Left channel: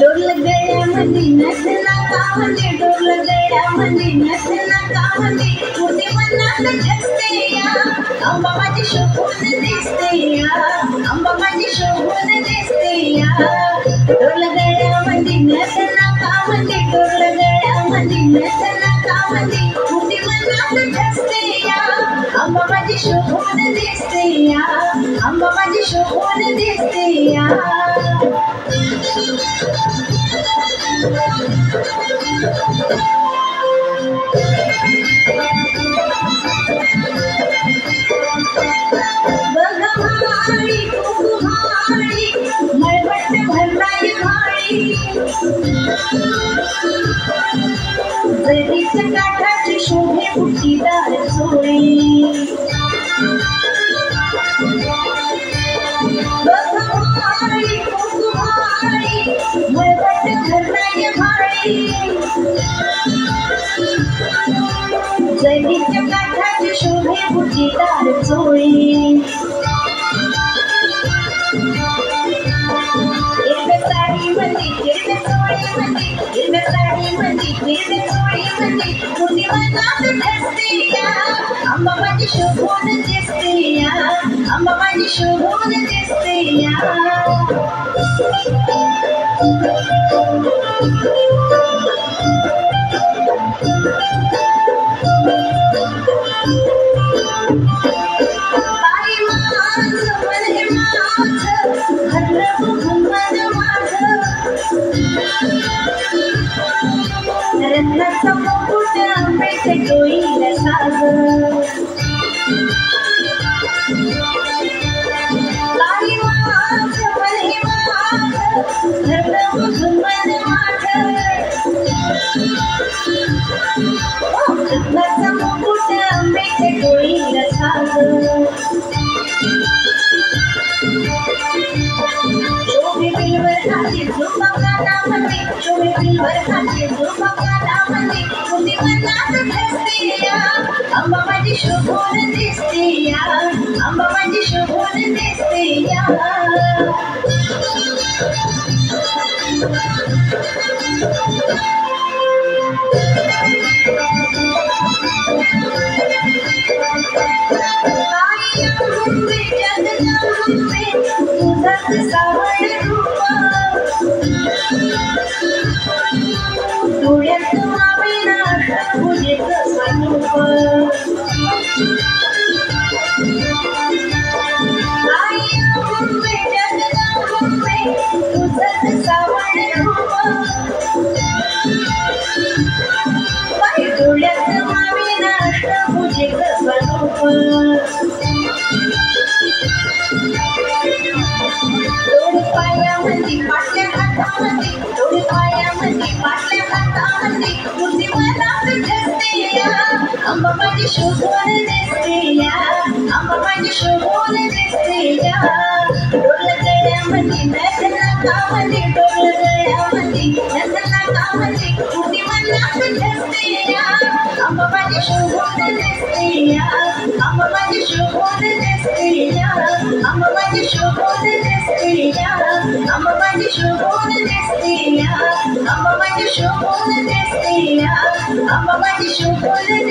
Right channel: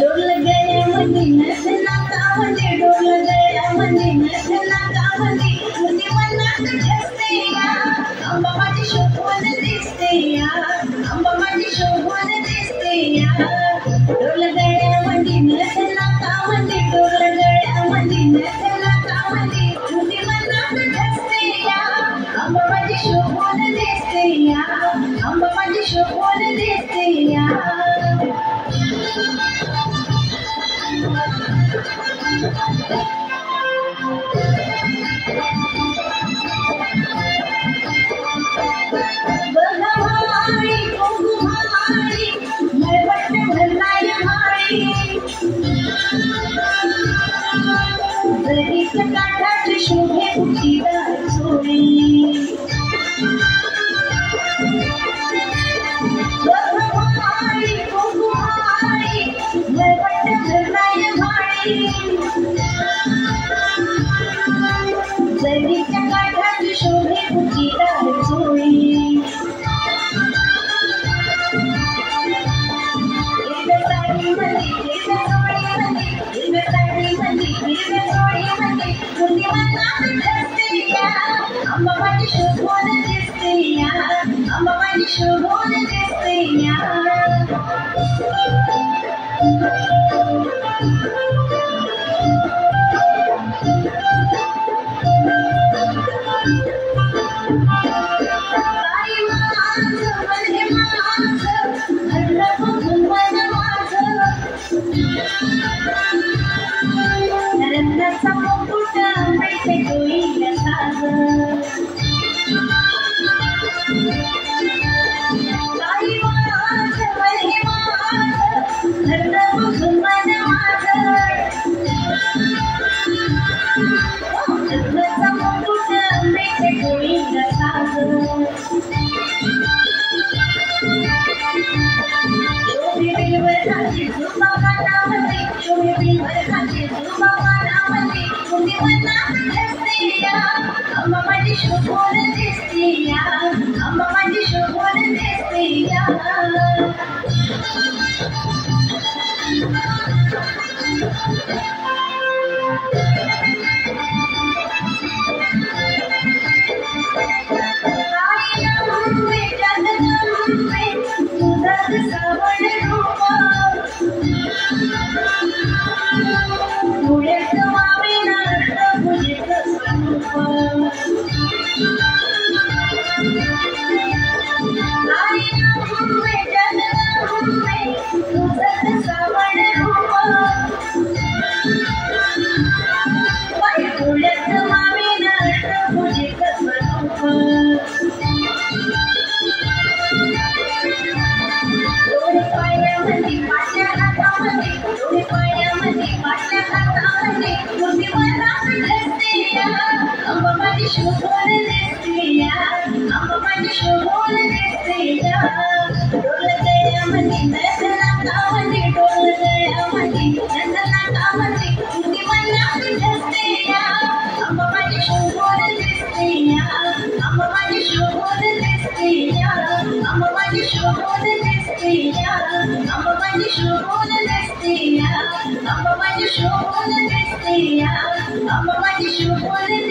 डोरलं गळ्यामध्ये नसना कामध्ये, डोरलं गळ्यामध्ये नसना कामध्ये, तुझे मनात ठसते या, अंबा माझी शोभून दिसते या, अंबा माझी शोभून दिसते या. डोरलं गळ्यामध्ये नसना कामध्ये, डोरलं गळ्यामध्ये नसना कामध्ये, तुझे मनात ठसते या, अंबा माझी शोभून दिसते या, अंबा माझी शोभून दिसते या. बघमाळी कुंकुमाळी मळवट भरलाय माळी, जरीच काठाची शोभे बुट्टीदार चोळी. बघमाळी कुंकुमाळी मळवट भरलाय माळी, जरीच्या काठाची शोभे बुट्टीदार चोळी. हिरव्या साडीमध्ये हिरव्या चोळीमध्ये, हिरव्या साडीमध्ये हिरव्या चोळीमध्ये, तुझी मनात ठसते या, अंबा माझी शोभून दिसते या, अंबा माझी शोभून दिसते या. बाई माझं मन हे माझं, हरलं बघून मन माझं, रत्नाचा मुकुट मिळते डोईला साज. बाई माझं मन हे माझं, हरलं बघून मन माझं, रत्नाचा मुकुट मिळते डोईला साज. शोभे बिलवर हाती झुंबा कानामध्ये, शोभे बिलवर हाती झुंबा कानामध्ये, तुझी मनात ठसते या, अंबा माझी शोभून दिसते या, अंबा माझी शोभून दिसते या. आई अंबे जगदंबे तुझंच सावळ रूप, डोळ्यात मावेना अष्टभुजेचं स्वरूप. आई अंबे जगदंबे तुझंच सावळ रूप, डोळ्यात मावेना अष्टभुजेचं स्वरूप. डोळे पायामध्ये पाटल्या हातामध्ये, डोळे पायामध्ये पाटल्या हातामध्ये, तुझी मनात ठसते या, अंबा माझी शोभून दिसते या, अंबा माझी शोभून दिसते या. डोरलं गळ्यामध्ये नसना कामध्ये, डोरलं गळ्यामध्ये नसना कामध्ये, तुझी मनात ठसते या, अंबा माझी शोभून दिसते या, अंबा माझी शोभून दिसते या, अंबा माझी शोभून दिसते या, अंबा माझी शोभून दिसते या, अंबा माझी शोभून दिसते या, अंबा माझी शोभून